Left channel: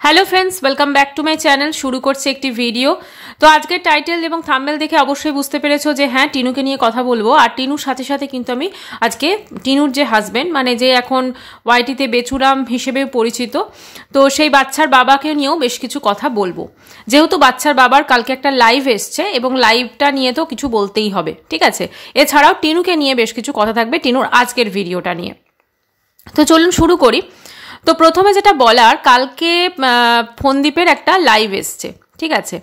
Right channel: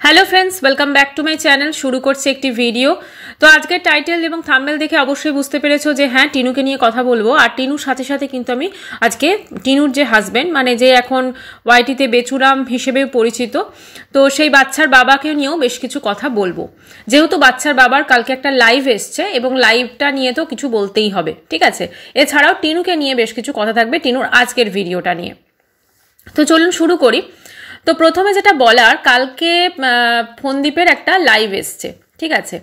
Hello friends welcome back to my channel. शुरू करছে একটি ভিডিও। তো আজকের টাইটেল এবং থাম্বনেল দেখে অবশ্যই বুঝতে পেরেছো যে হ্যাঁ টিনুকে নিয়ে কথা বলবো। আর টিনুর সাথে সাথে কিন্তু আমি আজকে টিনুর যে হাজবেন্ড মানে যে এখন ওয়াইটিতে বেচুরাম হিসেবে পরিচিত, তো সেই বাচ্চার বাবাকে নিয়েও বেশ কিছু কথা বলবো। যেহেতু বাচ্চার বাবার কালকে একটা লাইভ এসছে এবং লাইভটা নিয়ে তো কিছু বলতেই হবে, ঠিক আছে। এছাড়াও টিনুকে নিয়ে বেশ কিছু কথা থাকবে টিনুর আজকের ভিডিওটা নিয়ে। তো চলুন শুরু করি। তো প্রথমে যেটা বলার, কালকে ফোনদীপের একটা লাইভ এসছে, ঠিক আছে।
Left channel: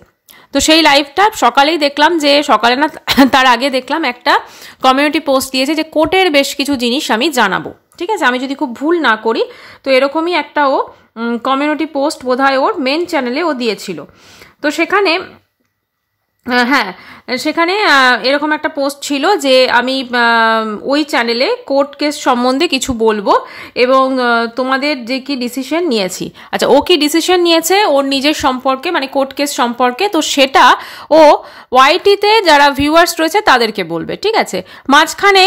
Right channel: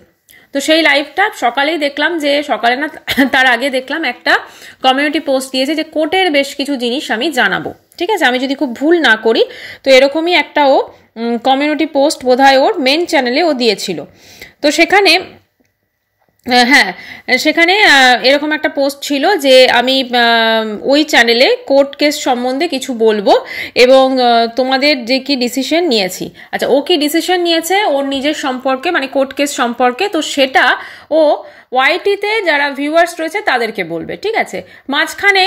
তো সেই লাইভটা সকালেই দেখলাম, যে সকালে না তার আগে দেখলাম একটা কমিউনিটি পোস্ট দিয়েছে যে কোর্টের বেশ কিছু জিনিস আমি জানাবো, ঠিক আছে। আমি যদি খুব ভুল না করি তো এরকমই একটা ও কমিউনিটি পোস্ট বোধহয় ওর মেন চ্যানেলে ও দিয়েছিল। তো সেখানে হ্যাঁ সেখানে এরকম একটা পোস্ট ছিল যে আমি ওই চ্যানেলে কোর্ট কেস সম্বন্ধে কিছু বলবো এবং তোমাদের যে কি ডিসিশন নিয়েছি। আচ্ছা, ও কি ডিসিশন নিয়েছে ওর নিজের সম্পর্কে মানে কোর্ট কেস সম্পর্কে, তো সেটা ও ওয়াইটিতে যারা ভিউয়ার্স রয়েছে তাদেরকে বলবে, ঠিক আছে। মাঝখানে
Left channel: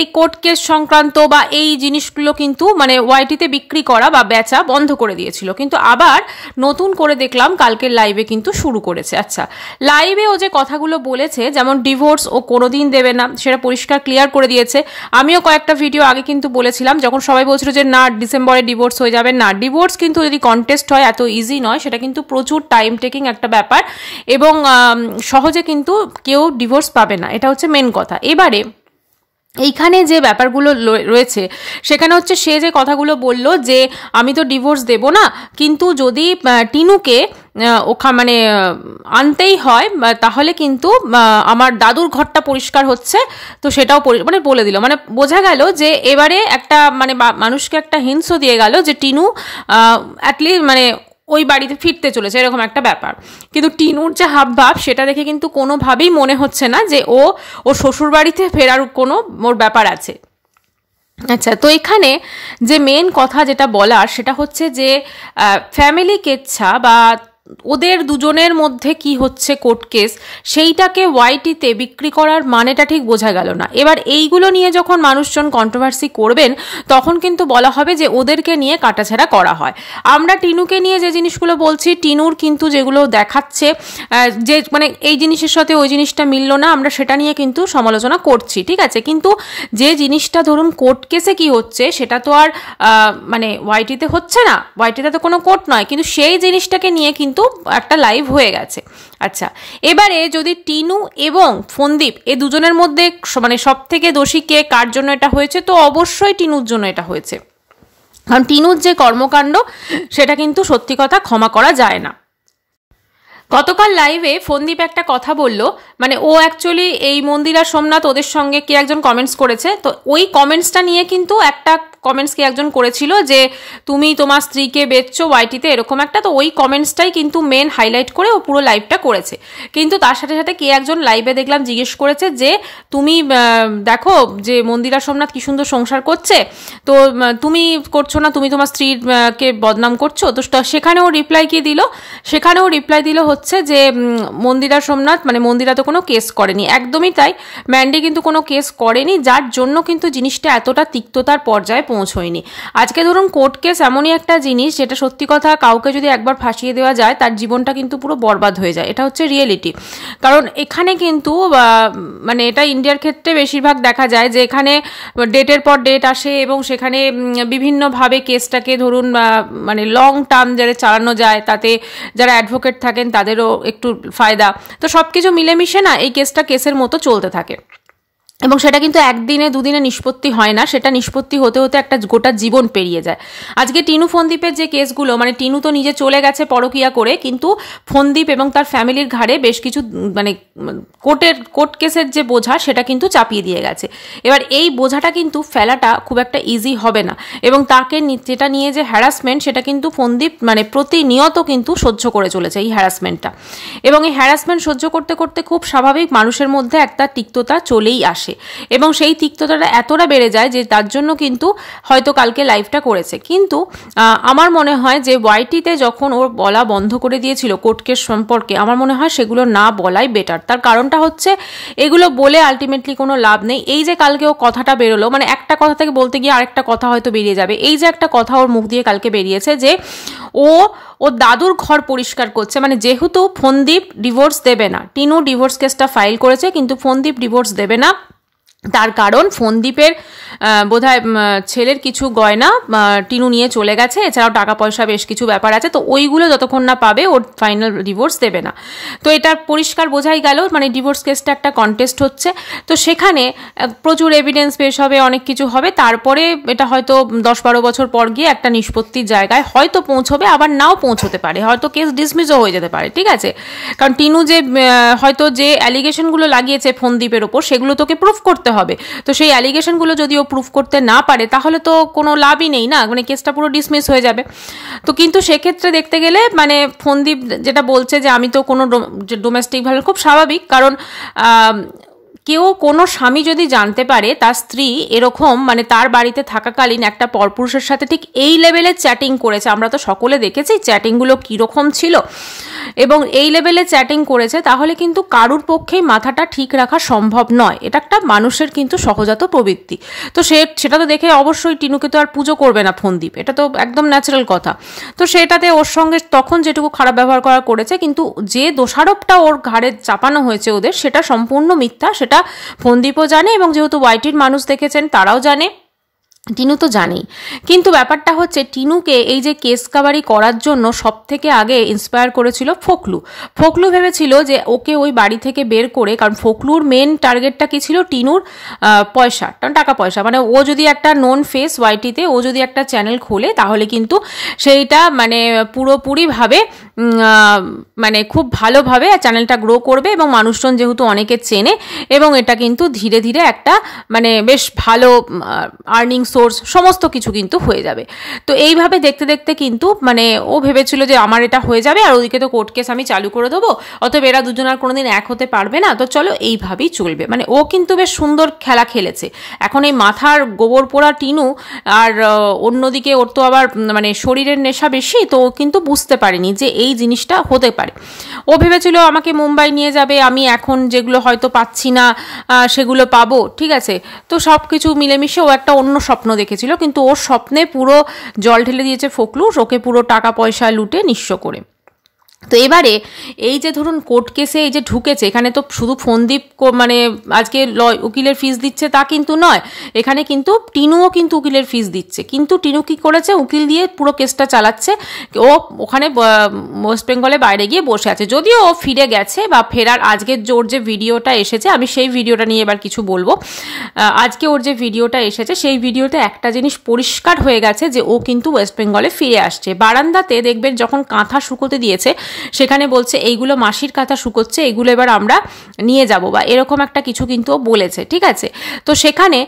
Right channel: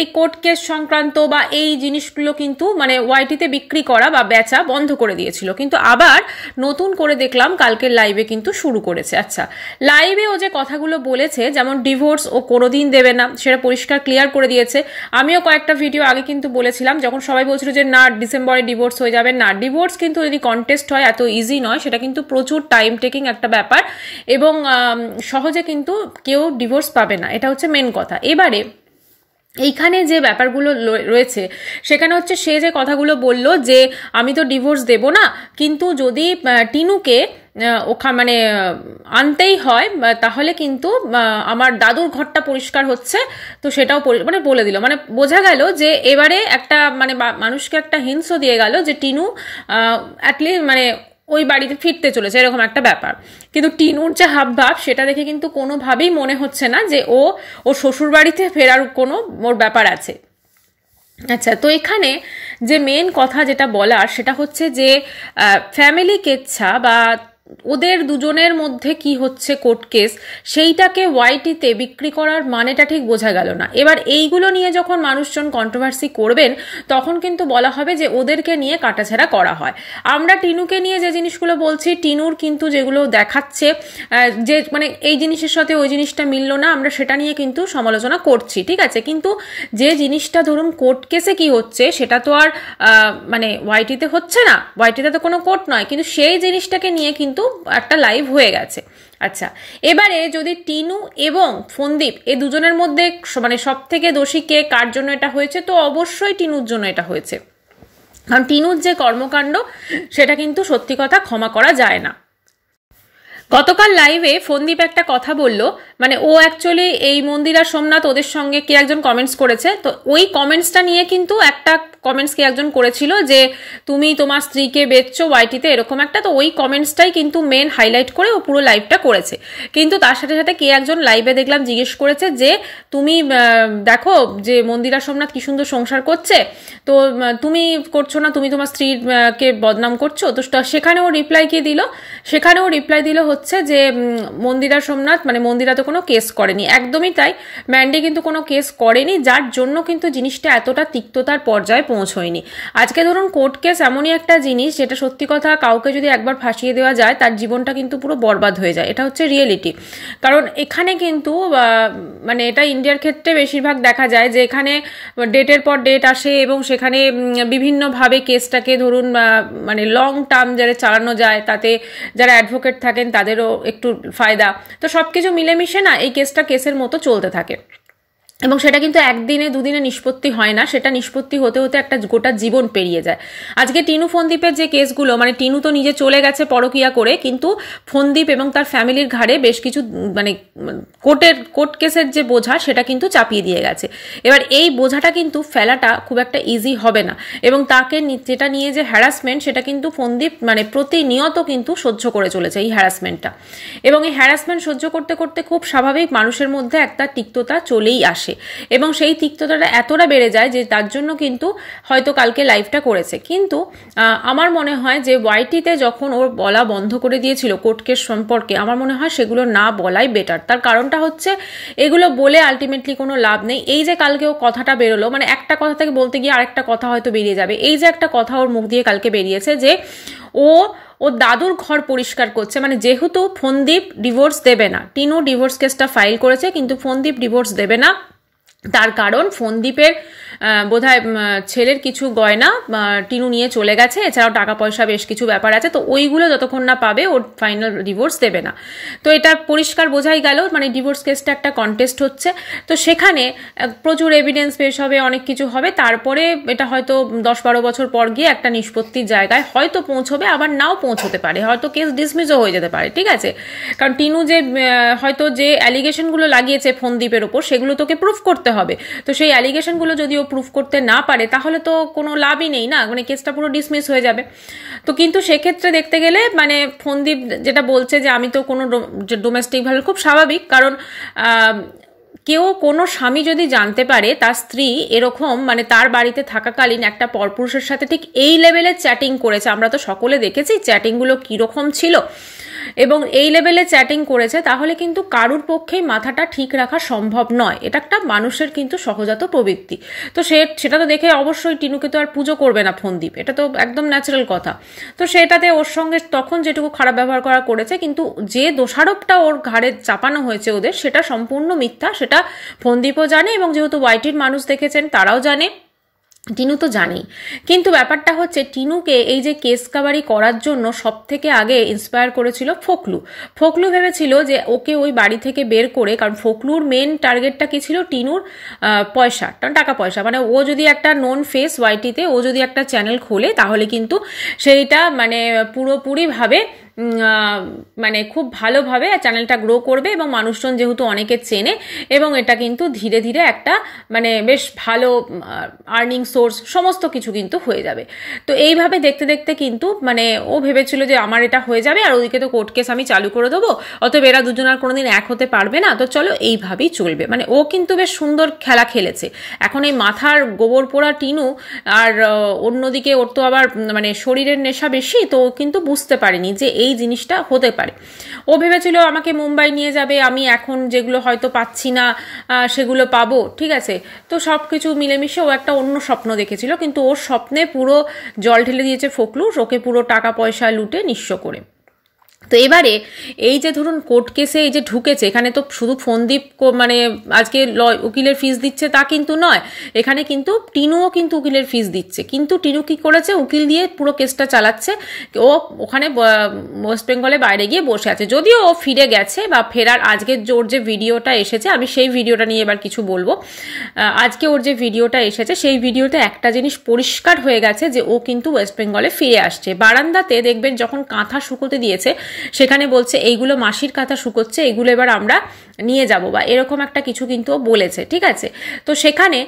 এই কোর্ট কেস সংক্রান্ত বা এই জিনিসগুলো কিন্তু মানে ওয়াইটিতে বিক্রি করা বা বেচা বন্ধ করে দিয়েছিল, কিন্তু আবার নতুন করে দেখলাম কালকের লাইভে কিন্তু শুরু করেছে। আচ্ছা, লাইভে ও যে কথাগুলো বলেছে, যেমন ডিভোর্স ও কোনোদিন দেবে না, সেটা পরিষ্কার ক্লিয়ার করে দিয়েছে। আমিও কয়েকটা ভিডিও আগে কিন্তু বলেছিলাম, যখন সবাই বলছিল যে না ডিসেম্বরে ডিভোর্স হয়ে যাবে, না, ডিভোর্স কিন্তু যদি কন্টেস্ট হয় এত ইজি নয়, সেটা কিন্তু প্রচুর টাইম টেকিং একটা ব্যাপার এবং সহজে কিন্তু কেউ ডিভোর্স পাবে না, এটা হচ্ছে মেন কথা। এবারে এইখানে যে ব্যাপারগুলো রয়েছে সেখানে হচ্ছে সে যে কথাগুলো বলল যে আমি তো ডিভোর্স দেব না, কিন্তু যদি টিনুকে মানে আনতেই হয় তাহলে কিন্তু আমার দাদুর ঘরটা পরিষ্কার হচ্ছে, তো সেটাও মানে বলে দিল। মানে বোঝা গেল যে এবারে একটা মানে মানুষকে একটা হিন্টও দিয়ে গেল যে টিনু অ্যাটলিস্ট মানে ওই বাড়িতে ফিরতে চলেছে, এরকম একটা ব্যাপার। কিন্তু টিনুর যে হাবভাব সেটা দেখে কিন্তু কোনোভাবেই মনে হচ্ছে না যে ও শ্বশুর বাড়িতে ফেরার কোনো ওর ব্যাপার আছে। আচ্ছা, তো এখানে যে মেন কথা যেটা বলার সেটা হচ্ছে যে ফ্যামিলি কেচ্ছা বা ওদের দুজনের মধ্যে কি হচ্ছে কোর্ট কেস, সেইটাকে ওয়াইটিতে বিক্রি করার মানেটা ঠিক বোঝা গেল না। এবার এইগুলো নিয়ে যখন মানুষজন কন্ট্রোভার্সি করবেন তখন কিন্তু বলা হবে যে ওদেরকে নিয়ে কাটাছাড়া করা হয়। আমরা টিনুকে নিয়ে যে জিনিসগুলো বলছি, টিনুর কিন্তু যেগুলো দেখাচ্ছে যে মানে এই জিনিসের সাথে ওই জিনিসটা মিলল না, আমরা সেটা নিয়ে কিন্তু সমালোচনা করছি, ঠিক আছে। কিন্তু যে জিনিসটা ধরুন কোর্ট কেসে কি হচ্ছে সেটা তো আর মানে ওয়াইটিতে হচ্ছে না, ওয়াইটিতে তো কোনো কোর্ট নয়, কিন্তু সেই জিনিসটাকে নিয়ে কিন্তু একটা লাইভ হয়ে গেছে। আচ্ছা, এবারে যদি টিনু এবং ফোনদীপ এই দুজনের মধ্যে মানে সব থেকে দোষী কে, কার জন্য এটা হয়েছে, তো অবশ্যই টিনুর জন্য এটা হয়েছে। কারণ টিনুর যে কর্মকাণ্ড সেটা কিন্তু সত্যি কথা ক্ষমা করা যায় না। গতকাল লাইভে ফোনদীপ একটা কথা বলল, মানে ও অ্যাকচুয়ালি এই মন্দিরা সোমনাথ ওদের সঙ্গে কে একজন কমেন্টস করেছে, তো ওই কমেন্টসটা নিয়ে কিন্তু একটা কমেন্টস কে একজন করেছিল যে তুমি তোমার স্ত্রীকে বেচছো ওয়াইটিতে, এরকম একটা। তো ওই কমেন্টসটাই কিন্তু মেন হাইলাইট করে ও পুরো লাইভটা করেছে। কিন্তু তার সাথে সাথে কে একজন লাইভে দেখলাম জিজ্ঞেস করেছে যে তুমি দেখো যে মন্দিরা সোমনাথ কি সুন্দর সংসার করছে, তো তুমি করছো না, তুমি তোমার স্ত্রীকে বদনাম করছো। তো সেখানেও রিপ্লাই কি দিল, সেখানেও রিপ্লাই দিল হচ্ছে যে মন্দিরা সোমনাথ মানে মন্দিরা তো কোনো কেস করেনি, একদমই তাই, ম্যান্ডি কিন্তু কোনো কেস করেনি, যার জন্য কিন্তু জিনিসটা এতটা তিক্ততার পর্যায়ে পৌঁছয়নি। আজকে ধরুন কোর্ট কেস এমনই একটা জিনিস যেটা সত্যি কথা কাউকে যদি একবার ফাঁসিয়ে দেওয়া যায় তার জীবনটা কিন্তু পুরো বরবাদ হয়ে যায়, এটা হচ্ছে রিয়েলিটি। কারণ এখানে কিন্তু মানে এটা ইন্ডিয়ার ক্ষেত্রে বেশিরভাগ দেখা যায় যে এখানে ডেটের পর ডেট আসে এবং সেখানে বিভিন্নভাবে কেসটাকে ধরুন মানে লং টার্ম যারা চালানো যায়, তাতে যারা অ্যাডভোকেট থাকেন তাদেরও একটু ফায়দা। তো সবকিছু মিলেমিশে না এই কেসটা কেসের মতো চলতে থাকে এবং সেটা কিন্তু একদিনে দুদিনে নিষ্পত্তি হয় না, সেটা নিষ্পত্তি হতে হতে একটা গোটা জীবন পেরিয়ে যায়। আজকে টিনু ফোনদীপের যে কেসগুলো, মানে টিনু তো নিজে চলে গেছে পরকিয়া করে, কিন্তু ফোনদীপ এবং তার ফ্যামিলির ঘাড়ে বেশ কিছু মানে কোর্ট কেসের যে বোঝা সেটা কিন্তু চাপিয়ে দিয়ে গেছে। এবার এই বোঝাটা কিন্তু ফেলাটা খুব একটা ইজি হবে না এবং তাকে যেটা নিয়ে যে হ্যারাসমেন্ট সেটা কিন্তু ফোনদীপ মানে প্রতিনিয়ত কিন্তু সহ্য করে চলেছে এই হ্যারাসমেন্টটা, এবং এই হ্যারাসমেন্ট সহ্য করতে করতে খুব স্বাভাবিক মানুষের মধ্যে একটা তিক্ততা চলেই আসে এবং সেই তিক্ততাটা এতটা বেড়ে যায় যে তার জন্য কিন্তু হয়তো কালকে লাইভটা করেছে। কিন্তু আমার মনে হয় যে ওয়াইটিতে যখন ওর বলা বন্ধ করে দিয়েছিল কোর্ট কেস সম্পর্কে, আমার মনে হয় সেগুলো না বলাই বেটার। তার কারণটা হচ্ছে এগুলো বলে আলটিমেটলি কোনো লাভ নেই। এই যে কালকে ও কথাটা বেরোলো, মানে একটা কথা থেকে বলতে গিয়ে আরেকটা কথা হয়তো বেরিয়ে যাবে, এই যে একটা কথা ওর মুখ দিয়ে কালকে বেরিয়েছে যে ও ও দাদুর ঘর পরিষ্কার করছে। মানে যেহেতু ফোনদীপ ডিভোর্স দেবে না, টিনু ডিভোর্স কেসটা ফাইল করেছে কিন্তু ফোনদীপ ডিভোর্স দেবে না, তার কারণ ফোনদীপের বোধহয় ছেলের কিছু গয়না টিনু নিয়ে চলে গেছে, এছাড়াও টাকা পয়সা বেশ কিছু ব্যাপার আছে, তো ওইগুলো যতক্ষণ না পাবে ওর ফাইনাল ডিভোর্স দেবে না। তো এটা পরিষ্কার বোঝাই গেল, মানে ডিভোর্স কেসটা একটা কন্টেস্ট হচ্ছে। তো সেখানে প্রচুর এভিডেন্স পেশ হবে, অনেক কিছু হবে, তারপরে এটা হয়তো 10-12 বছর পর গিয়ে একটা নিষ্পত্তির জায়গায় হয়তো পৌঁছবে, আবার নাও পৌঁছতে পারে, হয়তো কেস ডিসমিসও হয়ে যেতে পারে, ঠিক আছে। কারণ টিনু যে হয়তো যে অ্যালিগেশনগুলো লাগিয়েছে ফোনদীপের ওপর সেগুলো তোকে প্রুফ করতে হবে। তো সেই অ্যালিগেশনগুলো যদি ও প্রুফ করতে না পারে তাহলে তো কোনো লাভই নেই না, মানে কেসটা পুরো ডিসমিস হয়ে যাবে। তো কিন্তু সেক্ষেত্রে দেখতে গেলে মানে ফোনদীপ যেটা বলছে যে আমি তো কোনো ডোমেস্টিক ভায়োলেন্স, খুব স্বাভাবিক, কারণ কেউ কোনো স্বামী যদি জানতে পারে তার স্ত্রী এরকম মানে তার বাড়িতে থাকাকালীন একটা পরপুরুষের সাথে ঠিক এই লেভেলে চ্যাটিং করেছে, আমরা তো সকলে দেখেছি চ্যাটিংগুলো কীরকম ছিল, এবং এই লেভেলে চ্যাটিং করেছে, তাহলে কিন্তু কারুর পক্ষেই মাথাটা ঠিক রাখা সম্ভব নয়। এটা একটা মানুষের কিন্তু সহজাত প্রবৃত্তি। তো সেটা তো দেখে অবশ্যই টিনুকে তো আর পুজো করবে না ফোনদীপ, এটা তো একদম ন্যাচারাল কথা। তো সেটাতে ওর সঙ্গে তখন যেটুকু খারাপ ব্যবহার করা করেছে, কিন্তু যে দোষারোপটা ওর ঘাড়ে চাপানো হয়েছে ওদের, সেটা সম্পূর্ণ মিথ্যা, সেটা ফোনদীপও জানে, এবং যেহেতু ওয়াইটির মানুষ দেখেছেন তারাও জানে, টিনু তো জানেই। কিন্তু ব্যাপারটা হচ্ছে টিনুকে এই যে কেস কাভারি করার জন্য সব থেকে আগে ইন্সপায়ার করেছিল ফোকলু। ফোকলু ভেবেছিল যে ওকে ওই বাড়ি থেকে বের করে, কারণ ফোকলুর মেন টার্গেটটা কি ছিল, টিনুর পয়সা, টাকা পয়সা, মানে ও যদি একটা নোন ফেস ওয়াইটিতে ও যদি একটা চ্যানেল খোলে তাহলে কিন্তু সেইটা মানে পুরোপুরিভাবে মানে খুব ভালোভাবে চ্যানেলটা গ্রো করবে, এবং মানুষজন যেহেতু অনেকে চেনে, এবং এটা কিন্তু ধীরে ধীরে একটা মানে বেশ ভালো আর্নিং সোর্স সমস্ত কিছু কিন্তু হয়ে যাবে। তো এইভাবে দেখতে দেখতে কিন্তু মানে ও ভেবেছিল যে আমার এটা হয়ে যাবে, আর ওদিকে তো কোর্ট কেস আমি চালু করে দেবো, অতএব এরা দুজন আর কোনোদিন এক হতে পারবে না, তো চলো এইভাবেই চলবে। মানে ও কিন্তু বেশ সুন্দর খেলা খেলেছে। এখন এই মাথার গোবর পোড়া টিনু, আর অন্যদিকে ওর তো আবার মানে শরীরের নেশা বেশি, তো ও কিন্তু বুঝতে পারেনি যে এই জিনিসটা হতে পারে। ও ভেবেছিল আমাকে মুম্বাই নিয়ে যাবে, আমি এখন যেগুলো হয়তো পাচ্ছি না সেগুলো পাবো, ঠিক আছে। তো সব কিছু মিলেমিশে ও একটা অন্য স্বপ্ন দেখেছিল, কিন্তু ওর স্বপ্নে পুরো জল ঢেলে দিয়েছে ফোকলু, ওকে পুরো টাকা পয়সা লুটে নিঃস্ব করে। তো এবারে এই যে ধরুন কোর্ট কেসে এই যে ঢুকেছে, এখানে তো শুধু ফোনদীপ মানে আজকে উকিলের ফিস দিচ্ছে তা কিন্তু নয়, এখানে কিন্তু টিনুও কিন্তু উকিলের ফিস দিচ্ছে। কিন্তু টিনু কি করেছে, উকিল দিয়ে পুরো কেসটা চালাচ্ছে। ও ওখানে ওয়েস্ট বেঙ্গলে বাইরে গিয়ে বসে আছে, যদিও ও ফিরে গেছে বা ফেরার আজকের ওর যে ভিডিওটা এসেছে, আমি সেই ভিডিওটা নিয়ে এবার কিছু বলবো। আজকে ওর যে ভিডিওটা এসেছে সেই ভিডিওতে একটা জিনিস পরিষ্কার হয়ে গেছে যে ও কিন্তু ওয়েস্ট বেঙ্গলে ফিরে আসছে। বারান্দাতে দেখবেন যখন কাঁথা শুকোতে দিয়েছে সেখানে বলছে এইগুলো মাসির কাঁথা শুকোচ্ছে, এগুলো এবার আমরা নিয়ে যাব, বা এরকম একটা কিছু কিন্তু বলেছে, ঠিক আছে। তো সেখানে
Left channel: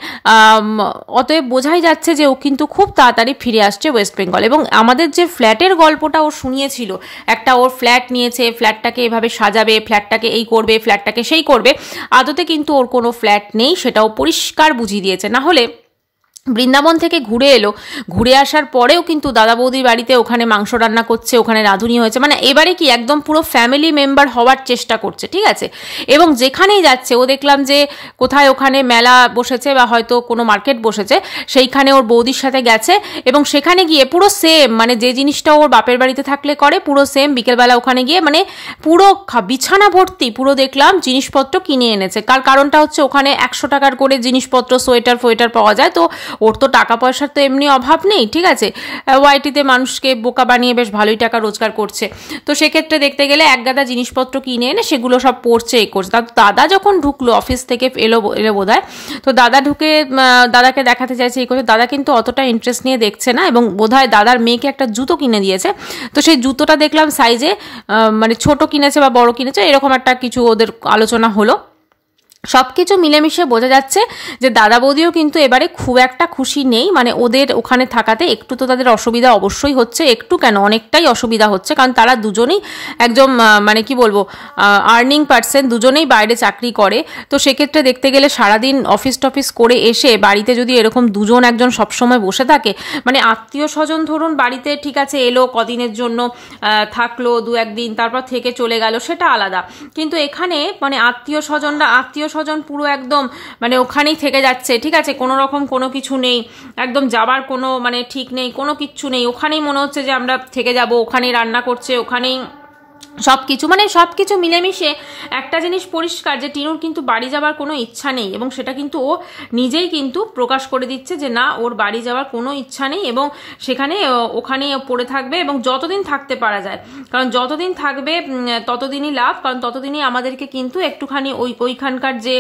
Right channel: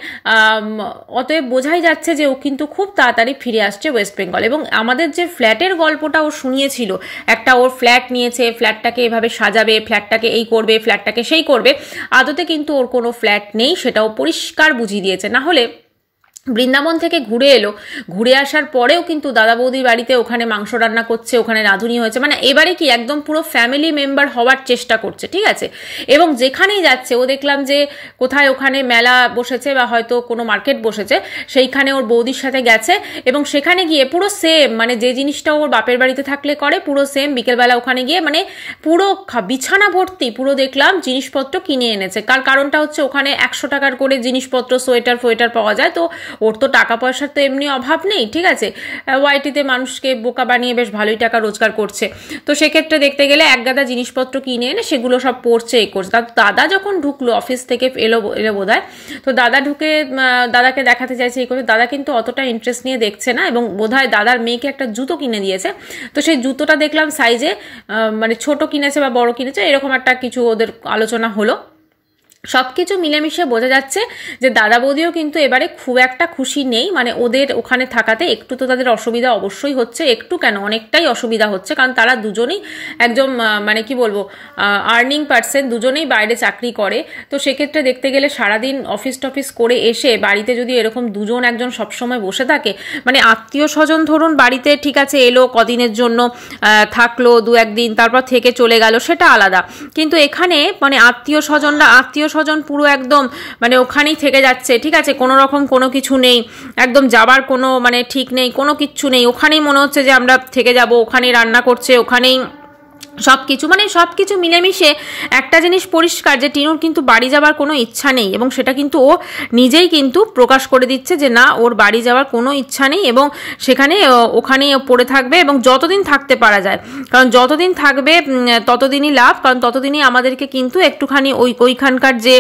অতএব বোঝাই যাচ্ছে যে ও কিন্তু খুব তাড়াতাড়ি ফিরে আসছে ওয়েস্ট বেঙ্গল। এবং আমাদের যে ফ্ল্যাটের গল্পটা ও শুনিয়েছিল, একটা ওর ফ্ল্যাট নিয়েছে, ফ্ল্যাটটাকে এভাবে সাজাবে, ফ্ল্যাটটাকে এই করবে, ফ্ল্যাটটাকে সেই করবে, আদতে কিন্তু ওর কোনো ফ্ল্যাট নেই, সেটাও পরিষ্কার বুঝিয়ে দিয়েছে। না হলে বৃন্দাবন থেকে ঘুরে এলো, ঘুরে আসার পরেও কিন্তু দাদা বৌদির বাড়িতে ওখানে মাংস রান্না করছে, ওখানে রাঁধুনি হয়েছে, মানে এবারে কি একদম পুরো ফ্যামিলি মেম্বার হওয়ার চেষ্টা করছে, ঠিক আছে। এবং যেখানেই যাচ্ছে ও দেখলাম যে কোথায় ওখানে মেলা বসেছে বা হয়তো কোনো মার্কেট বসেছে, সেইখানে ওর বৌদির সাথে গেছে, এবং সেখানে গিয়ে পুরো সেম মানে যে জিনিসটা ওর বাপের বাড়িতে থাকলে করে পুরো সেম, বিকেলবেলা ওখানে গিয়ে মানে পুরো বিছানা ভর্তি পুরো দেখলাম জিনিসপত্র কিনে এনেছে। কারণটা হচ্ছে ওখানে 100 টাকার করে জিনিসপত্র সোয়েটার ফোয়েটার পাওয়া যায়, তো ওর তো টাকা পয়সার তো এমনি অভাব নেই, ঠিক আছে। ওয়াইটিতে মানুষকে বোকা বানিয়ে বেশ ভালোই টাকা রোজগার করছে। তো সেক্ষেত্রে দেখতে গেলে এক গাদা জিনিসপত্র কিনে এনে সেগুলো সব পড়ছে, এই করছে। দাদা যখন ঢুকলো অফিস থেকে এলো বোধহয়, তো দাদা ঢুকে দাদাকে দেখাতে চাইছে, এই করছে। দাদা কিন্তু অতটা ইন্টারেস্ট নিয়ে দেখছে না, এবং বোধহয় দাদার মেয়েকে একটা জুতো কিনে দিয়েছে। তো সেই জুতোটা দেখলাম সাইজে মানে ছোট কিনেছে বা বড় কিনেছে, এরকম একটা কিছু ওদের আলোচনা হলো। সবকিছু মিলেমিশে বোঝা যাচ্ছে যে দাদা বৌদিও কিন্তু এবারে খুব একটা খুশি নেই, মানে ওদের ওখানে থাকাতে একটু তো তাদের অসুবিধা অবশ্যই হচ্ছে, একটু কেন অনেকটাই অসুবিধা হচ্ছে, কারণ তারা দুজনেই একদম মানে কি বলবো আর্নিং পার্সন, দুজনেই বাইরে চাকরি করে। তো সেক্ষেত্রে দেখতে গেলে সারাদিন অফিস টফিস করে এসে বাড়িতে যদি এরকম দুজন একজন সবসময় বসে থাকে, মানে আত্মীয় স্বজন ধরুন বাড়িতে ঠিক আছে এলো কদিনের জন্য থাকলো 2-1 দিন, তারপর থেকে চলে গেল, সেটা আলাদা। কিন্তু এখানে মানে আত্মীয় স্বজনরা স্বজন পুরো একদম মানে ওখানেই থেকে যাচ্ছে, ঠিক আছে, কোনো রকম কোনো কিছু নেই, একদম যাবার কোনো মানে ঠিক নেই, কোনো কিচ্ছু নেই, ওখানেই মনে হচ্ছে যে আমরা থেকে যাব, ওখানেই রান্না করছে, ওখানেই সবকিছু, মানে সবকিছু মিলেমিশে একটা জিনিস পরিষ্কার যে টিনুর কিন্তু বাড়ি যাওয়ার কোনো ইচ্ছা নেই, এবং সেটা কিন্তু ও নিজেই কিন্তু প্রকাশ করে দিচ্ছে যে না, ওর বাড়ি যাওয়ার কোনো ইচ্ছা নেই, এবং সেখানে ওখানেই পড়ে থাকবে, এবং যতদিন থাকতে পারা যায়, কারণ যতদিন থাকবে ততদিনই লাভ, কারণ ততদিনই আমাদেরকে কিন্তু একটুখানি ওইখানকার যে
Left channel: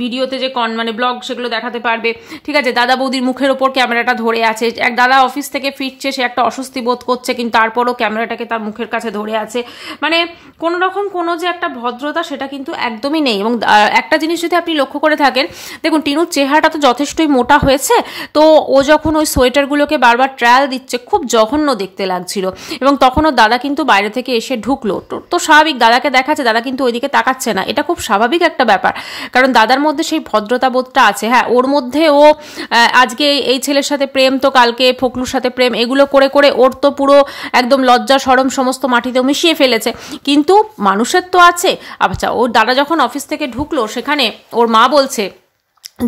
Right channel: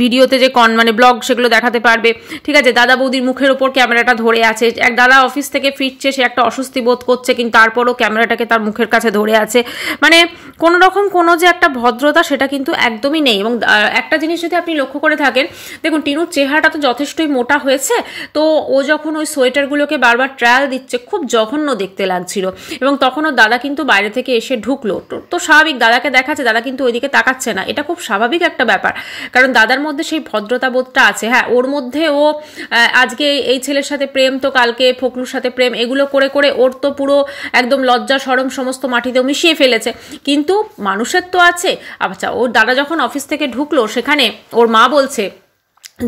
ভিডিওতে যে মানে ব্লগ সেগুলো দেখাতে পারবে, ঠিক আছে। দাদা বৌদির মুখের ওপর ক্যামেরাটা ধরে আছে, এক দাদা অফিস থেকে ফিরছে, সে একটা অস্বস্তি বোধ করছে, কিন্তু তারপরও ক্যামেরাটাকে তার মুখের কাছে ধরে আছে, মানে কোনো রকম কোনো যে একটা ভদ্রতা সেটা কিন্তু একদমই নেই। এবং একটা জিনিস যদি আপনি লক্ষ্য করে থাকেন, দেখুন টিনুর চেহারাটা তো যথেষ্টই মোটা হয়েছে, তো ও যখন ওই সোয়েটারগুলোকে বারবার ট্রায়াল দিচ্ছে খুব জঘন্য দেখতে লাগছিল, এবং তখনও দাদা কিন্তু বাইরে থেকে এসে ঢুকলো, তো স্বাভাবিক দাদাকে দেখাচ্ছে, দাদা কিন্তু ওইদিকে তাকাচ্ছে না, এটা খুব স্বাভাবিক একটা ব্যাপার, কারণ দাদার মধ্যে সেই ভদ্রতা বোধটা আছে। হ্যাঁ, ওর মধ্যে ও আজকে এই ছেলের সাথে প্রেম, তো কালকে ফকলুর সাথে প্রেম, এগুলো করে করে ওর তো পুরো একদম লজ্জা শরম সমস্ত মাটিতেও মিশিয়ে ফেলেছে, কিন্তু মানুষের তো আছে। আচ্ছা, ওর দাদা যখন অফিস থেকে ঢুকলো, সেখানে ওর মা বলছে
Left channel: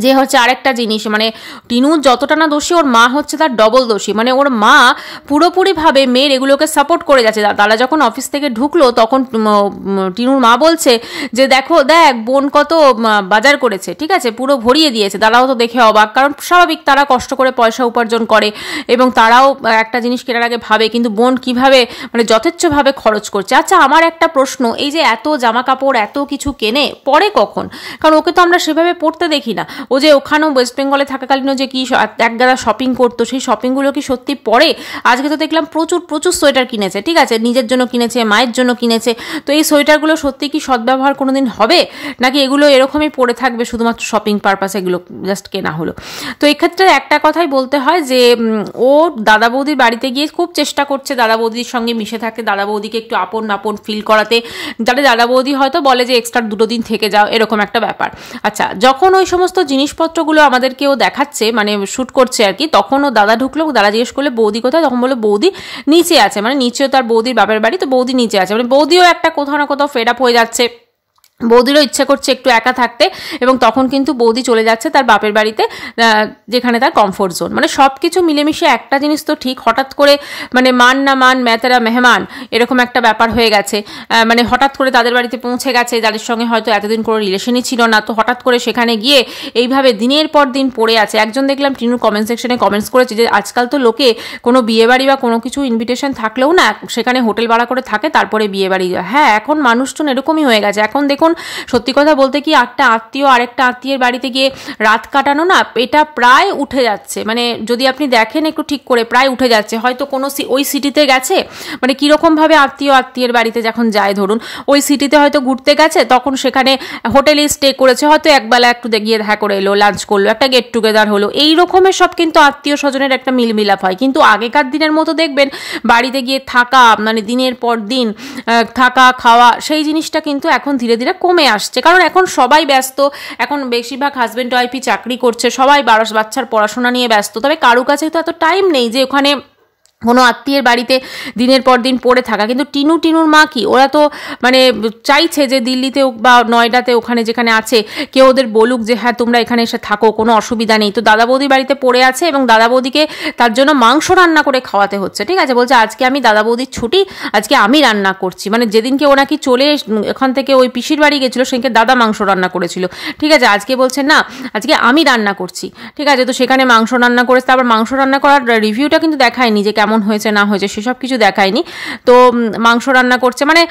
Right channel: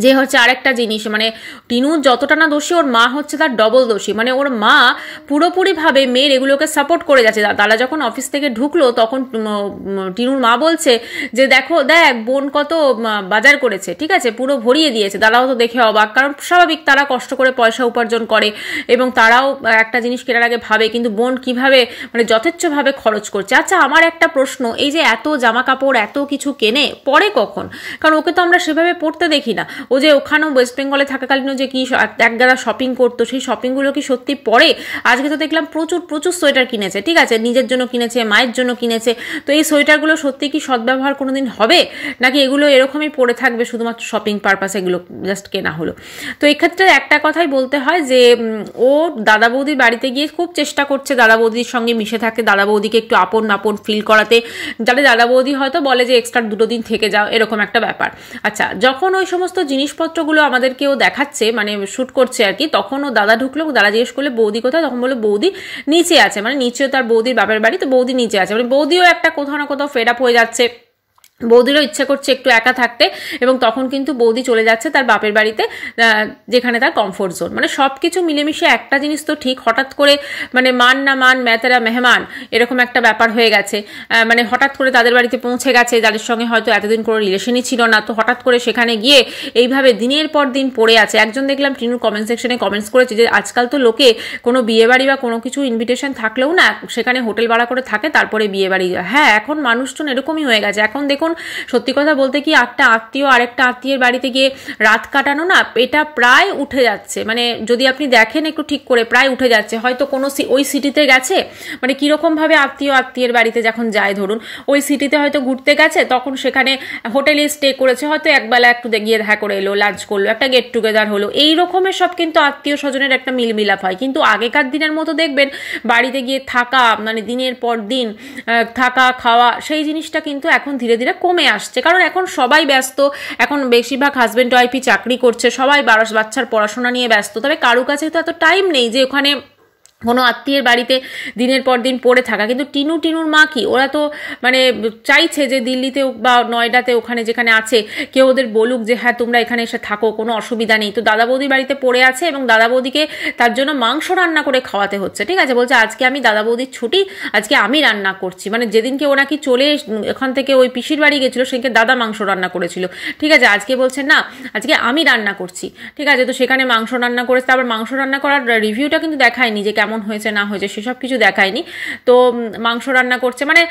যে হচ্ছে আরেকটা জিনিস, মানে টিনু যতটা না দোষী, ওর মা হচ্ছে তার ডবল দোষী, মানে ওর মা পুরোপুরিভাবে মেয়ের এগুলোকে সাপোর্ট করে যাচ্ছে। দাদা যখন অফিস থেকে ঢুকলো তখন টিনুর মা বলছে যে দেখো দেখ বোন কত বাজার করেছে, ঠিক আছে, পুরো ভরিয়ে দিয়েছে। দাদাও তো দেখে অবাক, কারণ স্বাভাবিক তারা কষ্ট করে পয়সা উপার্জন করে এবং তারাও একটা জিনিস কেনার আগে ভাবে, কিন্তু বোন কিভাবে মানে যথেচ্ছভাবে খরচ করছে। আচ্ছা, আমার একটা প্রশ্ন, এই যে এত জামা কাপড় এত কিছু কেনে পরে কখন? কারণ ওকে তো আমরা সেভাবে পড়তে দেখি না। ও যে ওখানেও ওয়েস্ট বেঙ্গলে থাকাকালীনও যে কি একগাদা শপিং করতো, সেই শপিংগুলো কি সত্যি পরে? আজকে তো দেখলাম প্রচুর প্রচুর সোয়েটার কিনেছে, ঠিক আছে, নিজের জন্য কিনেছে, মায়ের জন্য কিনেছে, তো এই সোয়েটারগুলো সত্যি কি সদ্ব্যবহার কোনোদিন হবে, নাকি এগুলো এরকমই পড়ে থাকবে শুধুমাত্র শপিং পারপাস, এগুলো জাস্ট কেনা হলো? তো এক্ষেত্রে একটা কথাই বলতে হয় যে ও দাদা বৌদির বাড়িতে গিয়ে খুব চেষ্টা করছে দাদা বৌদির সঙ্গে মিশে থাকতে, দাদা বৌদিকে একটু আপন আপন ফিল করাতে, যাতে দাদা বৌদি হয়তো বলে যে এক্সট্রা 2 দিন থেকে যাও, এরকম একটা ব্যাপার। আচ্ছা, যখন ওই সমস্ত জিনিসপত্রগুলো আমাদেরকেও দেখাচ্ছে, মানে শ্যুট করছে আর কি, তখন ও দাদা ঢুকলো, দাদা জিজ্ঞেস করলে বৌদি কোথায়, তখন বললো বৌদি নিচে আছে, মানে নিচেও তার বৌদির বাপের বাড়ি, তো বৌদি নিচে আছে, মানে বৌদিও একটা কোথাও না কোথাও ফেড আপ হয়ে যাচ্ছে, বৌদিরও ইচ্ছে করছে একটু একা থাকতে, এবং তখন কিন্তু বৌদি চলে যাচ্ছে তার বাপের বাড়িতে, যেখানে তার কমফোর্ট জোন। মানে সব কিছু মিলেমিশে একটা জিনিস তো ঠিক, হঠাৎ করে মানে মান না মান मैं तेरा মেহমান এরকম একটা ব্যাপার হয়ে গেছে, মানে হঠাৎ করে তাদের বাড়িতে পৌঁছে গেছে, যাদের সঙ্গে হয়তো এতদিন কোনো রিলেশনই ছিল না, তো হঠাৎ করে সেখানে গিয়ে এইভাবে দিনের পর দিন পড়ে আছে। একজন দেখলাম টিনুর কমেন্ট সেকশনে কমেন্টস করেছে যে আজকাল তো লোকে কোনো বিয়ে বাড়ি বা কোনো কিছু ইনভিটেশন থাকলেও না সেখানে হোটেল ভাড়া করে থাকে, তারপরে বিয়ে বাড়ি যায়। হ্যাঁ, এখন মানুষজন এরকমই হয়ে গেছে। এখন দেখুন, সত্যি কথা বলতে কি, একটা আত্মীয় আরেকটা আত্মীয়ের বাড়িতে গিয়ে রাত কাটানো না, এটা প্রায় উঠে যাচ্ছে, মানে যদি আপনি দেখেন একটু ঠিক করে, প্রায় উঠে যাচ্ছে। হয়তো কোনো ওই সিটিতে গেছে, মানে কীরকমভাবে আত্মীয়ের বাড়িতে যখন যায়, ধরুন ওই সিটিতে হয়তো ঘুরতে গেছে, তখন সেখানে হোটেলে স্টে করেছে, হয়তো একবেলা একটু গিয়ে দেখা করে এলো, লাঞ্চ করলো, একটা গেট টুগেদার হলো, এই রকমের সব কিন্তু আত্মীয় স্বজনের একটা মিলমিলাপ হয়। কিন্তু আগেকার দিনের মতো দেখবেন বাড়িতে গিয়ে থাকা, মানে দিনের পর দিন থাকা খাওয়া, সেই জিনিসটা কিন্তু এখন ধীরে ধীরে কমে আসছে, কারণ এখন সবাই ব্যস্ত, এখন বেশিরভাগ হাজব্যান্ড ওয়াইফই চাকরি করছে, সবাই বাচ্চার পড়াশোনা নিয়ে ব্যস্ত, তবে কারো কাছে তো এত টাইম নেই যে ওখানে কোনো আত্মীয়ের বাড়িতে দিনের পর দিন পড়ে থাকা। কিন্তু টিনুর মা কি, ওরা তো মানে চাইছে যে দিল্লিতে বা নয়ডাতে ওখানে যেখানে আছে কেউ ওদের বলুক যে হ্যাঁ তোমরা এখানে এসে থাকো, কোনো অসুবিধা নেই। তো দাদা বৌদির বাড়িতে পড়ে আছে এবং দাদা বৌদিকে তার জন্য মাংস রান্না করে খাওয়াতে হচ্ছে, ঠিক আছে, বলছে আজকে আমি দাদা বৌদির ছুটি, আজকে আমি রান্না করছি। মানে যেদিনকে ও নাকি চলে এখান থেকে ওই পিসির বাড়ি গেছিলো, সেদিনকে দাদা মাংস রান্না করেছিল, ঠিক আছে, আজকে বলছে না আজকে আমি রান্না করছি, ঠিক আছে। তো সেখানে মাংস রান্না করেছে, তারপর মাংস রান্না করার রিভিউটা কিন্তু দেখায়নি যে কেমন হয়েছে না হয়েছে, সেসব কিছু দেখায়নি। তো মাংস রান্না করছে, মানে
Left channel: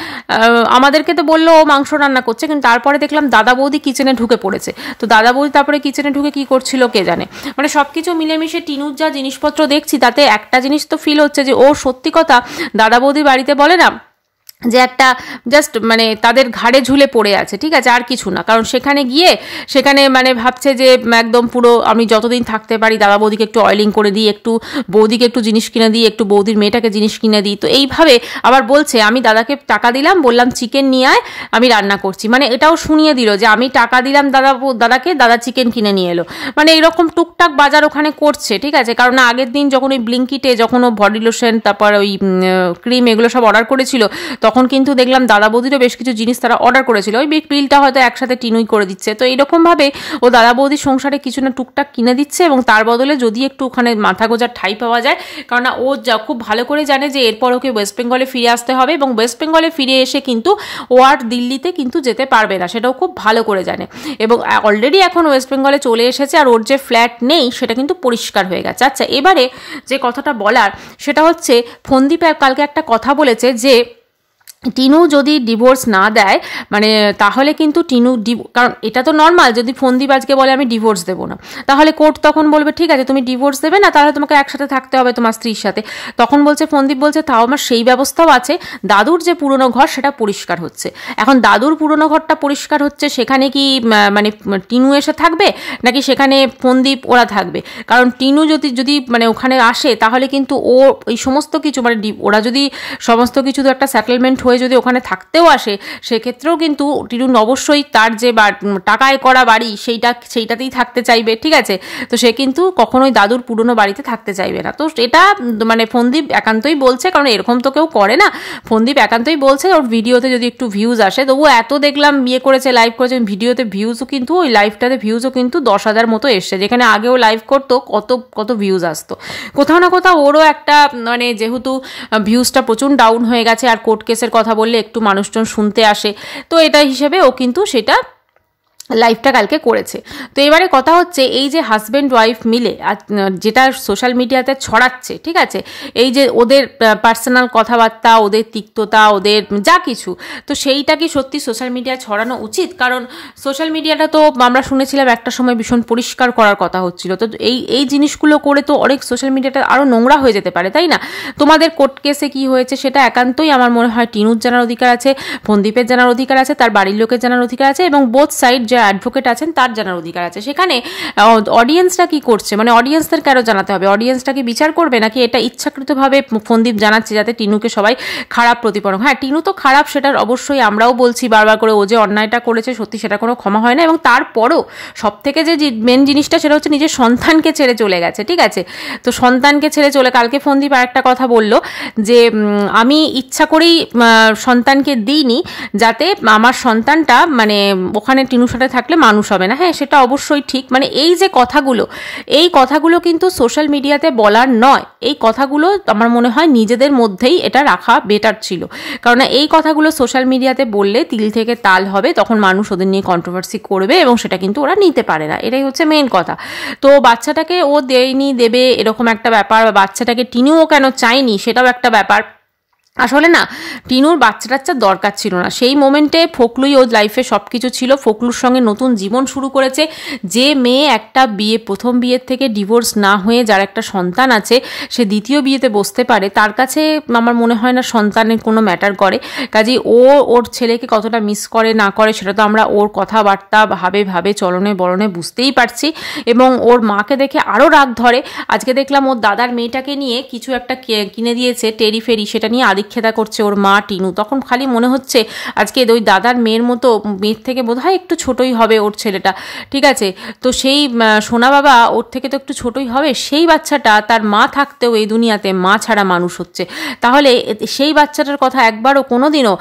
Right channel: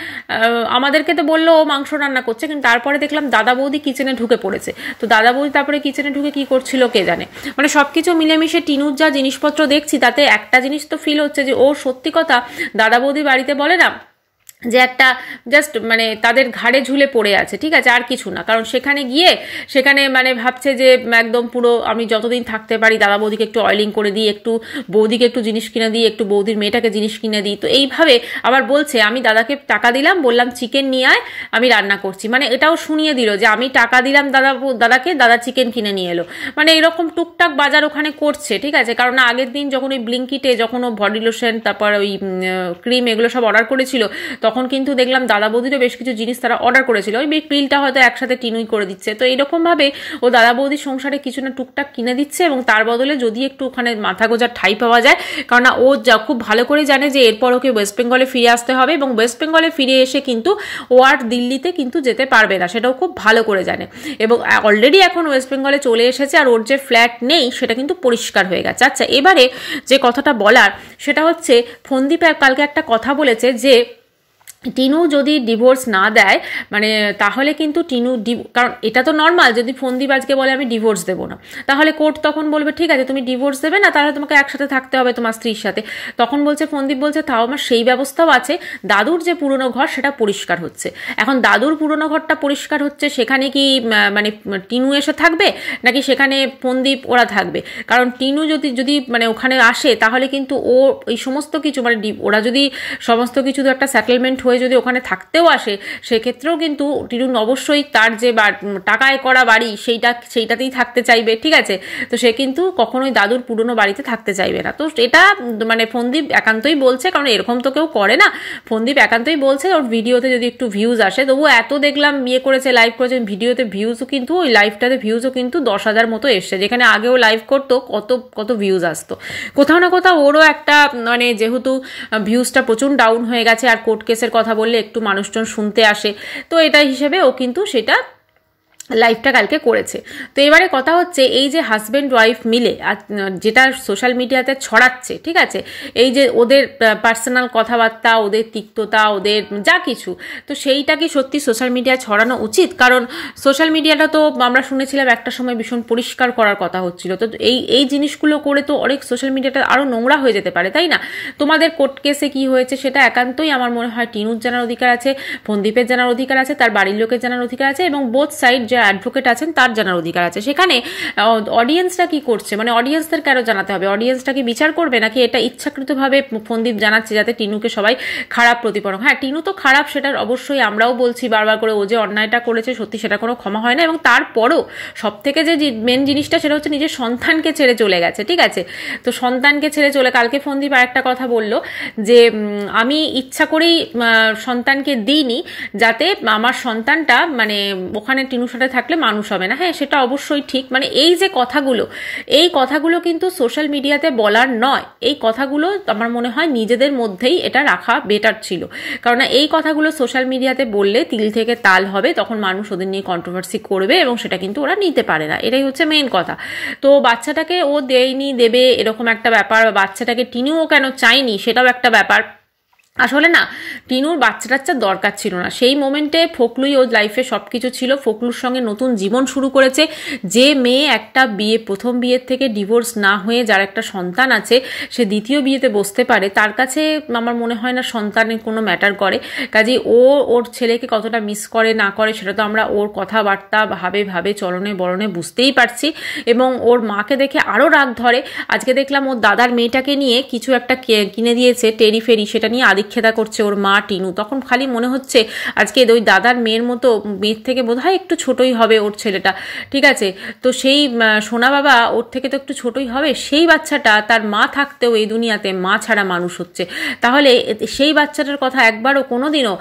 আমাদেরকে তো বললো ও মাংস রান্না করছে, কিন্তু তারপরে দেখলাম দাদা বৌদি কিচেনে ঢুকে পড়েছে। তো দাদা বৌদি তারপরে কিচেনে ঢুকে কি করছিল কে জানে। মানে সবকিছু মিলেমিশে টিনুর যা জিনিসপত্র দেখছি, তাতে একটা জিনিস তো ফিল হচ্ছে যে ও সত্যি কথা দাদা বৌদির বাড়িতে বলে না যে একটা জাস্ট মানে তাদের ঘাড়ে ঝুলে পড়ে আছে, ঠিক আছে, আর কিছু না। কারণ সেখানে গিয়ে সেখানে মানে ভাবছে যে একদম পুরো আমি যতদিন থাকতে পারি দাদা বৌদিকে একটু অয়েলিং করে দিই, একটু বৌদিকে একটু জিনিস কিনে দিই, একটু বৌদির মেয়েটাকে জিনিস কিনে দিই। তো এইভাবে আবার বলছে আমি দাদাকে টাকা দিলাম, বললাম চিকেন নিয়ে আয় আমি রান্না করছি, মানে এটাও শুনিয়ে দিল যে আমি টাকা দিলাম দাদাকে, দাদা চিকেন কিনে নিয়ে এলো। মানে এরকম টুকটাক বাজার ওখানে করছে, ঠিক আছে। কারণ আগের দিন যখন ওই ব্লিঙ্কিটে যখন ও বডি লোশন তারপর ওই ক্রিম এগুলো সব অর্ডার করেছিল, তখন তখন কিন্তু দেখলাম দাদা বৌদিরও বেশ কিছু জিনিস তারা অর্ডার করেছিল, ওই বিলটা হয়তো একসাথে টিনুই করে দিচ্ছে। তো এইরকমভাবে ও দাদা বৌদির সংসারে কিছু না টুকটাক কিনে দিচ্ছে, এবং তার বদলে যদি একটু ওখানে মাথা গোজার ঠাই পাওয়া যায়, কারণ ও খুব ভালো করে জানে যে এরপর ওকে ওয়েস্ট বেঙ্গলে ফিরে আসতে হবে, এবং ওয়েস্ট বেঙ্গলে ফিরে এসে কিন্তু ও আর দিল্লিতে কিন্তু যেতে পারবে না, সেটাও খুব ভালো করে জানে। এবং অলরেডি এখন ওয়েস্ট বেঙ্গলে চলে এসেছে, আর ওর যে ফ্ল্যাট নেই সেটা কিন্তু পরিষ্কার হয়ে গেছে। আচ্ছা, এবারে যে কথাটা বলার সেটা হচ্ছে, ফন্দীপ কালকে একটা কথা বলেছে যে টিনু যদি ডিভোর্স না দেয়, মানে তাহলে কিন্তু টিনু, কারণ এটা তো নর্মাল, যদি ফন্দীপ আজকে বলে আমি ডিভোর্স দেবো না, তাহলে কোর্ট তখন বলবে ঠিক আছে তুমি ডিভোর্স দেবে না, তাহলে তোমাকে একসাথে থাকতে হবে তোমার স্ত্রীর সাথে। তখন বলছে ফন্দীপ বলছে তাও আমার সেই ব্যবস্থাও আছে, দাদুর যে পুরনো ঘর সেটা পরিষ্কার হচ্ছে। এখন দাদুর পুরনো ঘরটা পরিষ্কার হচ্ছে, সেখানে কি মানে টিনু এসে থাকবে নাকি সেখানে ফন্দীপ ওরা থাকবে? কারণ টিনু যদি মানে ওখানে আসে, তাহলে কিন্তু ও এই সমস্ত কিছু মানে ওরা যদি সমস্ত কিছু তো একটা সেটেলমেন্ট হয়ে যদি ওখানে থাকতেও আসে, সেক্ষেত্রেও কিন্তু টিনু অবশ্যই তার যে টাকায় করা বাড়ি সেইটাতেই থাকতে চাইবে, ঠিক আছে? তো সে কিন্তু কখনোই দাদুর পুরনো বাড়িতে থাকতে চাইবে না। তো এটা মানে ফন্দীপ একান্তই বলছে, কারণ এরকম তো কেউ করে না, ফন্দীপ একান্তই বলছে। ওর ভিডিওতে যদি একটু ভিউজ আসে, তবু এত দেখলাম বিয়ে করেছে, লাইভ করেছে, ভিডিওতে ভিউজও কিন্তু ওই লাইভটাতে ভিউজও কিন্তু 10,000 মতো এসছে, যেখানে আগেও লাইভ করতো কত ভিউজ আসতো। কোথাও না কোথাও ওরও একটা মানে যেহেতু ভিউজটা প্রচুর ডাউন হয়ে গেছে, আর কোর্ট কেসের কথা বললে একটু মানুষজন শুনতে আসে, তো এটা হিসেবে ও কিন্তু সেটা লাইভটা কালকে করেছে। তো এবারে কথা হচ্ছে, এই যে হাজব্যান্ড ওয়াইফ মিলে যেটা সোশ্যাল মিডিয়াতে ছড়াচ্ছে, ঠিক আছে, এই যে ওদের পার্সোনাল কথাবার্তা, ওদের তিক্ততা, ওদের যা কিছু, তো সেইটা কি সত্যি সোশ্যাল মিডিয়ায় ছড়ানো উচিত? কারণ সোশ্যাল মিডিয়াটা তো আমরা শুনেছিলাম একটা সময় ভীষণ পরিষ্কার করার কথা হচ্ছিল, তো এই জিনিসগুলো করে তো অনেক সোশ্যাল মিডিয়াটা আরও নোংরা হয়ে যেতে পারে, তাই না? তোমাদের কোর্ট কেসে কি হয়েছে সেটা একান্তই আমার মনে হয় টিনুর জানার অধিকার আছে, ফন্দীপের জানার অধিকার আছে, তার বাড়ির লোকের জানার অধিকার আছে, এবং বোথ সাইড যে অ্যাডভোকেট আছেন তার জানার অধিকার আছে। সেখানে অডিয়েন্সরা কি করছে, মানে অডিয়েন্সদের কেন জানাতে হবে? অডিয়েন্সটা কি বিচার করবে, নাকি এটা ইচ্ছাকৃতভাবে ফন্দীপ জানাচ্ছে যাতে টিনুকে সবাই খারাপ প্রতিপন্ন? হ্যাঁ, টিনু তো খারাপ, সেটা অবশ্যই আমরাও বলছি বারবার করে, ও যে অন্যায়টা করেছে সত্যি সেটা কোনো ক্ষমা হয় না। এবং তারপরও সব থেকে যে মেন জিনিসটা সেটা হচ্ছে নিজের সন্তানকে ছেড়ে চলে গেছে, ঠিক আছে? তো সন্তানকে ছেড়ে চলে, কালকে ফন্দীপ আরেকটা কথা বললো যে আমি ইচ্ছা করেই সন্তানকে দিইনি, যাতে আমার সন্তানটা মানে ওখানে টিনুর সাথে থাকলে মানুষ হবে না। হ্যাঁ, সেটা অবশ্যই ঠিক, মানে এই যে কথাগুলো কিন্তু সোশ্যাল মিডিয়াতে বলার নয়, এই কথাগুলো আমার মনে হয় নিজেদের মধ্যেই এটা রাখা বেটার ছিল, কারণ এই কথাগুলো সোশ্যাল মিডিয়াতে বললে তিল থেকে তাল হবে, তখন মানুষ ওদের নিয়ে কন্ট্রোভার্সি করবে, এবং সেটা কিন্তু ওরা নিতে পারে না, এটাই হচ্ছে মেন কথা। তো বাচ্চাটাকে ও দেয়নি, দেবে এরকম একটা ব্যাপার, বাচ্চাটাকে টিনুও কেন চায়নি সেটাও একটা ব্যাপার। আসলে না, টিনুর বাচ্চা টাচ্চার দরকার ছিল না, সেই মোমেন্টে ফোকলুই ওর লাইফে সব কিছু ছিল, ফোকলুর সঙ্গে নতুন জীবন শুরু করেছে। যে মেয়ে একটা প্রথম বিয়ের থেকে ডিভোর্স না হয়ে যার একটা সন্তান আছে, সে দ্বিতীয় বিয়েতে বসতে পারে, তার কাছে আমার মনে হয় না সন্তানের কোনো ম্যাটার করে। কাজেই ওর ছেলেকে কতটা মিস করে না করে সেটা তো আমরা ওর কথাবার্তা ভাবে চলনে বলনে বুঝতেই পারছি, এবং ওর মাকে দেখে আরও রাগ ধরে। আজকে দেখলাম ওর দাদার মেয়েটাকে নিয়ে কিছু একটা কিনে দিয়েছে টেরি ফেরি, সেটা নিয়ে খেদা করছে ওর মা টিনু। তখন খালি মনে হচ্ছে আজকে ওই দাদার মেয়ের মতো, মেয়ের থেকে বোধহয় একটু ছোটই হবে ওর ছেলেটা, ঠিক আছে? তো সেই সোনা বাবা ওর থেকে তো একটু ছোটই হবে, সেই বাচ্চাটা তার মা থাকতেও এই দুনিয়াতে মা ছাড়া মানুষ হচ্ছে। তাহলে সেই বাচ্চাটার কথা একবারও কোনোদিনও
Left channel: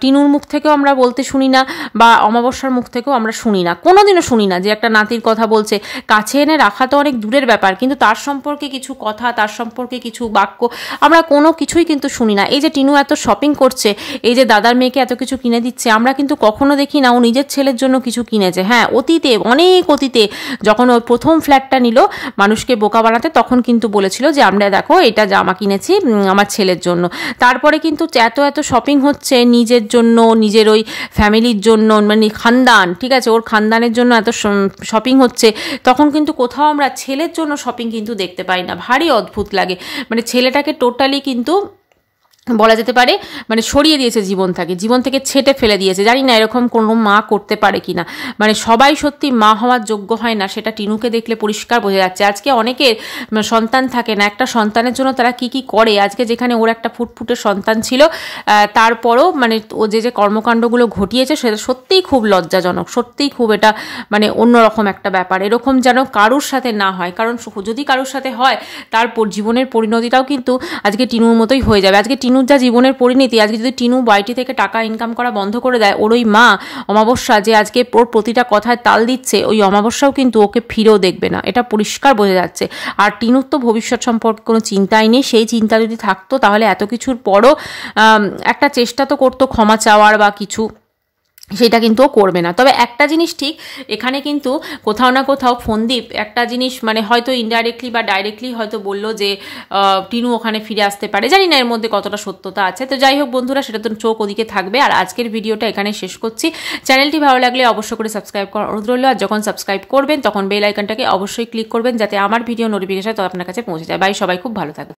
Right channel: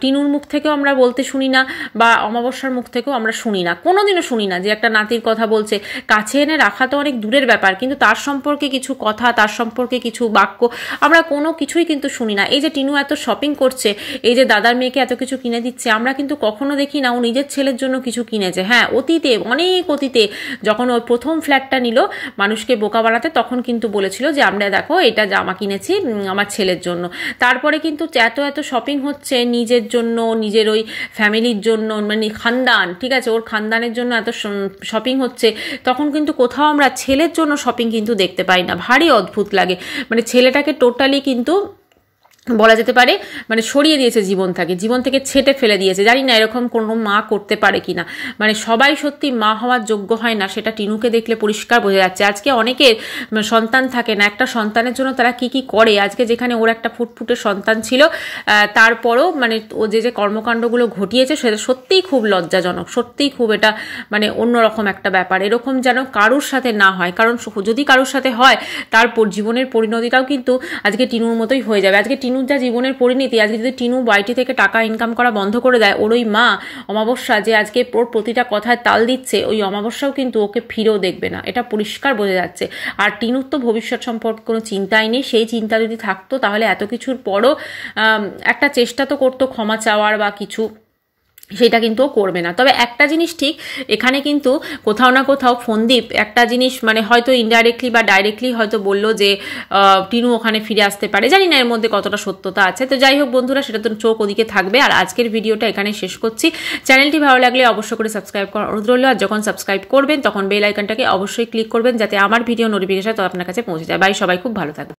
টিনুর মুখ থেকেও আমরা বলতে শুনি না, বা অমাবস্যার মুখ থেকেও আমরা শুনি না, কোনোদিনও শুনি না যে একটা নাতির কথা বলছে। কাছে এনে রাখা তো অনেক দূরের ব্যাপার, কিন্তু তার সম্পর্কে কিছু কথা, তার সম্পর্কে কিছু বাক্য আমরা কোনো কিছুই কিন্তু শুনি না। এই যে টিনু এত শপিং করছে, এই যে দাদার মেয়েকে এত কিছু কিনে দিচ্ছে, আমরা কিন্তু কখনো দেখি না ও নিজের ছেলের জন্য কিছু কিনেছে। হ্যাঁ, অতীতে, অনেক অতীতে যখন ওর প্রথম ফ্ল্যাটটা নিল মানুষকে বোকা বানাতে, তখন কিন্তু বলেছিল যে আমরা দেখো এটা জামা কিনেছি আমার ছেলের জন্য। তারপরে কিন্তু এত শপিং হচ্ছে নিজের জন্য, নিজের ওই ফ্যামিলির জন্য, মানে খানদান, ঠিক আছে, ওর খানদানের জন্য এত শপিং হচ্ছে, তখন কিন্তু কোথাও আমরা ছেলের জন্য শপিং কিন্তু দেখতে পাই না। ভারী অদ্ভুত লাগে, মানে ছেলেটাকে টোটালি কিন্তু বলা যেতে পারে মানে সরিয়ে দিয়েছে জীবন থেকে ছেটে ফেলে দিয়েছে। জানি না এরকম কোনো মা করতে পারে কিনা, মানে সবাই সত্যি মা হওয়ার যোগ্য হয় না, সেটা টিনুকে দেখলে পরিষ্কার বোঝা যাচ্ছে। আজকে অনেকের সন্তান থাকে না, একটা সন্তানের জন্য তারা কি করে, আজকে যেখানে ওর একটা ফুটফুটে সন্তান ছিল, তারপরও মানে ও যে কর্মকাণ্ডগুলো ঘটিয়েছে সেটা সত্যিই খুব লজ্জাজনক, সত্যিই খুব এটা মানে অন্যরকম একটা ব্যাপার। এরকম যেন কারুর সাথে না হয়, কারণ যদি কারুর সাথে হয় তার জীবনের পরিণতিটাও কিন্তু আজকে টিনুর মতোই হয়ে যাবে। আজকে টিনু টিনুর যা জীবনের পরিণতি, আজকে যদি টিনু বাড়িটি থেকে টাকা ইনকাম করা বন্ধ করে দেয়, ওর ওই মা অমাবস্যা যে আজকে ওর প্রতিটা কথায় তাল দিচ্ছে, ওই অমাবস্যাও কিন্তু ওকে ফিরেও দেখবে না, এটা পরিষ্কার বোঝা যাচ্ছে। আর টিনুর তো ভবিষ্যৎ সম্পর্কে কোনো চিন্তাই নেই, সেই চিন্তা যদি থাকতো তাহলে এত কিছুর পরও একটা চেষ্টা তো করতো ক্ষমা চাওয়ার বা কিছু, সেটা কিন্তু ও করবে না। তবে একটা জিনিস ঠিক, এখানে কিন্তু কোথাও না কোথাও ফোনদীপ একটা জিনিস মানে হয়তো ইনডাইরেক্টলি বা ডাইরেক্টলি হয়তো বললো যে টিনু ওখানে ফিরে আসতে পারে, জানি না এর মধ্যে কতটা সত্যতা আছে। তো যাই হোক বন্ধুরা, সেটা তো চোখ ওদিকে থাকবে। আর আজকের ভিডিওটা এখানে শেষ করছি। চ্যানেলটি ভালো লাগলে অবশ্যই করে সাবস্ক্রাইব করার অনুরোধ রইল। আর যখন সাবস্ক্রাইব করবেন তখন বেল আইকনটাকে অবশ্যই ক্লিক করবেন, যাতে আমার ভিডিও নোটিফিকেশন তো আপনার কাছে পৌঁছে যায়। বাই, সবাই খুব ভালো থাকবে।